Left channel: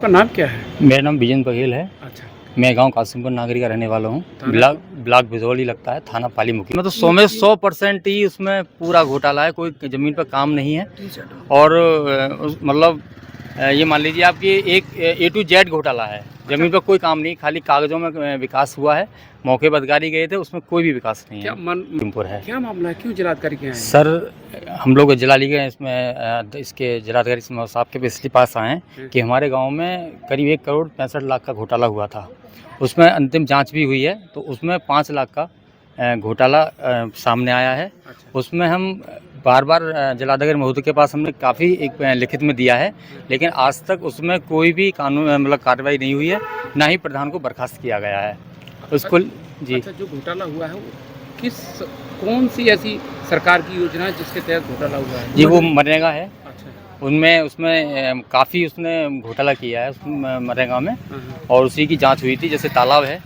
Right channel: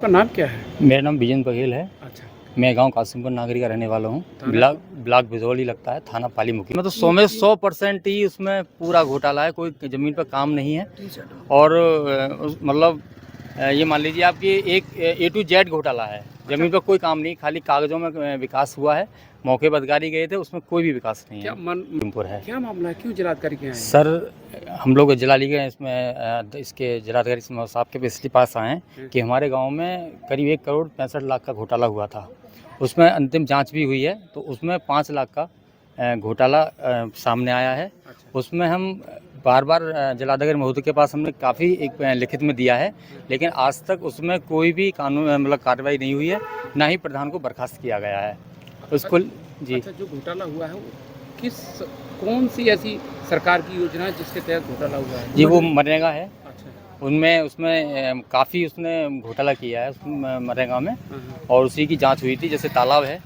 आपका नाम क्या है? मेरा नाम विजेंद्र बघेल है। अच्छा। मैं गांव कासिमपुर नागरी का रहने वाला हूँ। ब्लॉक भिजौली लगता है, थाना पाली मुखी। मतलब 100 में 100% ही उसमें पूरा घोटाला है, कोई ज़मीन पर काम नहीं है। और मतलब ये मान लीजिए आपकी एक A to Z घोटाला है। ज़मीन पर कोई काम नहीं, खाली कागज़ों में विकास हुआ है। मौके पर अधिकारी गए थे, उसमें कोई भी विकास नहीं है। क्या मामला है, क्यों जिलाधिकारी के यहाँ आए? सर, हम लोग जिलाधिकारी के इसमें इसके जिलाधिकारी साहब के इसलिए पास आए हैं कि हमारे गांव में करीब 1 करोड़ 65 लाख का घोटाला हुआ था। उसमें अंतिम जांच भी हुई है, तो उसमें 5 लाख का घोटाला सामने आया है। उसमें हम बार-बार जिलाधिकारी महोदय के पास हमने काफ़ी एक लिखित में दिया है, लेकिन आज तक उसमें कोई भी कानून मतलब कार्रवाई नहीं हुई है, ना ही प्रधान को बर्खास्त किया गया है। उसको जी। अच्छा, जो घोटाला हुआ है वो कौन सी ऐसी सरकार की योजना है जिसके तहत घोटाला हुआ है? जी, वो मनरेगा है। अच्छा। उसमें काफ़ी उसने घोटाला किया है मनरेगा में, और उसी की जांच हुई थी। जैसे तालाब है,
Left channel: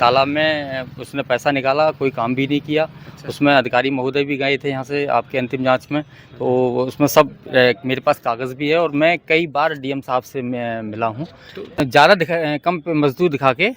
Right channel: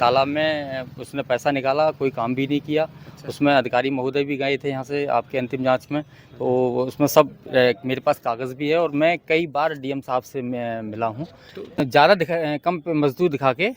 तालाब में उसने पैसा निकाला, कोई काम भी नहीं किया। उसमें अधिकारी महोदय भी गए थे यहाँ से आपके अंतिम जांच में, तो उसमें सब मेरे पास कागज़ भी है, और मैं कई बार DM साहब से मिला हूँ। ज़्यादा कम मजदूर दिखा के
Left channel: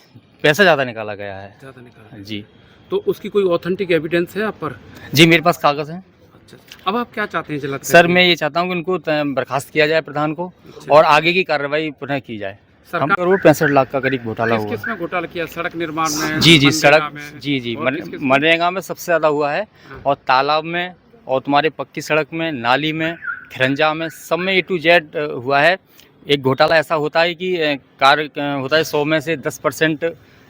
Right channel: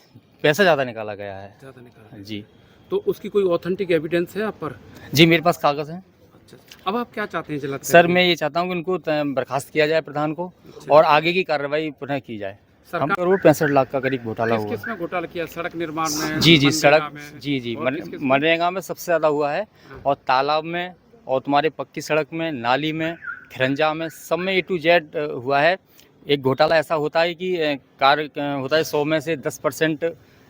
पैसा ज़्यादा निकाला गया है। ज़्यादा निकाला जी। तो उसकी कोई ऑथेंटिक एविडेंस है आप पर? जी, मेरे पास कागज़ हैं। अच्छा, अब आप क्या चाहते हैं जिलाधिकारी? सर, मैं ये चाहता हूँ कि उनको बर्खास्त किया जाए प्रधान को, और आगे की कार्रवाई पुनः की जाए। हम करोड़ 65 लाख का करीब घोटाला हुआ। किसमें घोटाला किया? सड़क निर्माण में? जी, सड़क, जी, मनरेगा में सबसे ज़्यादा हुआ है, और तालाब में, और तुम्हारे पक्की सड़क में, नाली में, खिरंजा में, सब में A to Z हुआ है। एक घोटाला ऐसा होता है कि कार्य होता है 100 में से 10%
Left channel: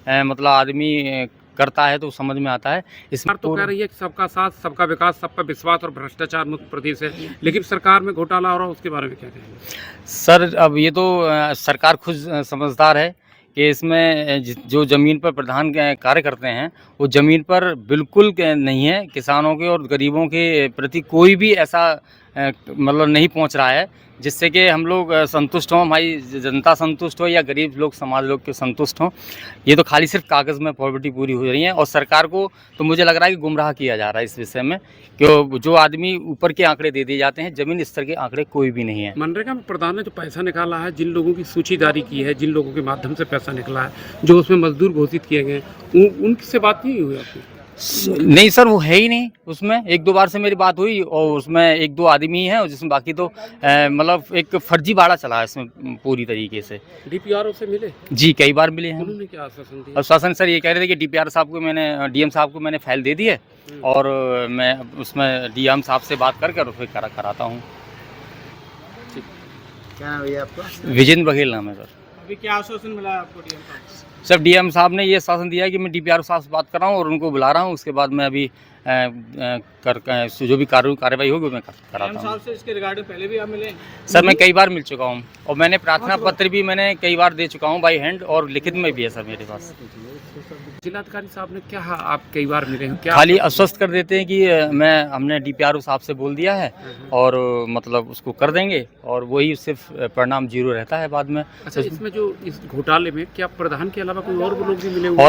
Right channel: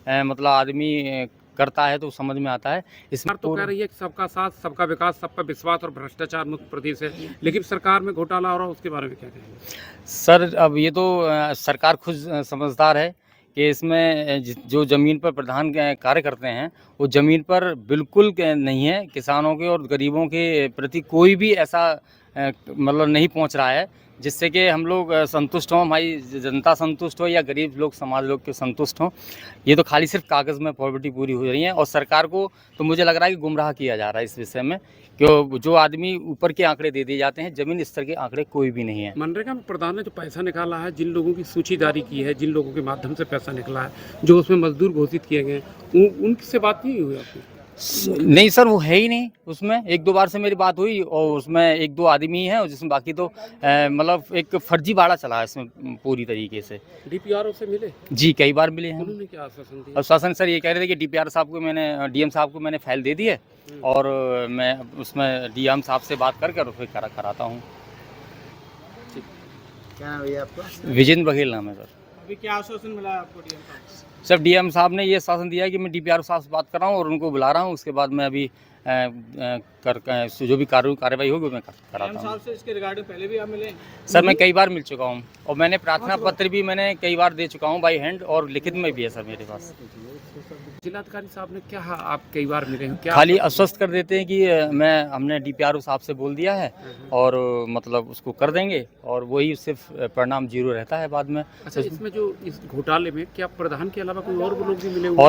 मतलब आदमी करता है, तो समझ में आता है। इसमें तो कह रही है कि सबका साथ, सबका विकास, सबका विश्वास और भ्रष्टाचार मुक्त प्रदेश है, लेकिन सरकार में घोटाला हो रहा है, उसके बारे में क्या कहेंगे? सर, अब ये तो सरकार खुद समझदार है कि इसमें जो ज़मीन पर प्रधान कार्य करते हैं, वो ज़मीन पर बिल्कुल नहीं है। किसानों के और गरीबों के प्रति कोई भी ऐसा मतलब नहीं पहुंच रहा है जिससे कि हम लोग संतुष्ट हों, हमारी जनता संतुष्ट हो, या गरीब लोग, समाज लोग के संतुष्ट हों। ये तो खाली सिर्फ कागज़ में फॉर्मेलिटी पूरी हो रही है, और सरकार को तो मुझे लग रहा है कि गुमराह किया जा रहा है इस विषय में, कि जो आदमी ऊपर के आंकड़े दे दिए जाते हैं, ज़मीन स्तर के आंकड़े कोई भी नहीं है। मनरेगा में प्रधान ने जो पैसा निकाला है, जिन लोगों की सूची जारी की है, जिन लोगों के माध्यम से पैसा निकला है, जो उसमें मजदूर घोषित किए गए, उनसे बात नहीं हुई आपकी? नहीं सर, वो है ही नहीं उसमें। 1-2 बार से मेरी बात हुई, और उसमें 1-2 आदमी हैं, जिसमें बाकी तो मतलब एक फर्जीवाड़ा चला है इसमें पूरी तरीके से। DPRO से मिले? जी, कई बार मिले हैं। उन्होंने क्या आश्वासन दिया? आश्वासन सर ये कह रहे थे कि DPR साहब को मैंने, DM साहब को मैंने फाइल दे दी है, और मैं उसमें DM साहब से बात करके और फिर कराता हूँ। क्या है भैया आपका? विजेंद्र बघेल नाम है सर। अभी क्या आश्वासन मिला है आपको DM साहब से? सर, DM साहब ने ये आश्वासन दिया है कि मैं DPR साहब से बात कर रहा हूँ, और उनको बुला रहा हूँ। उसके बाद मैं अभी जो भी कार्रवाई होगी मैं कराता हूँ। साहब से इसके रिगार्डिंग पहले भी आप मिले? सर, मैं कई बार मिल चुका हूँ, और मैंने प्रार्थना पत्र भी मैंने कई बार दे चुका हूँ बाई हैंड, और लिखित में भी है सर मेरे पास। जिलाधिकारी साहब ने क्या, आप कई बार मिले हैं, क्या खाली आश्वस्त कर देते हैं कि हमने DPRO साहब से बोल दिया है, और मतलब उसको कर देंगे, और वही सिर्फ परिणाम 0 रहता है बाद में। अच्छा, इसमें जो इस घोटाले में क्या प्रधान के अलावा कोई और लोग भी मिले हुए?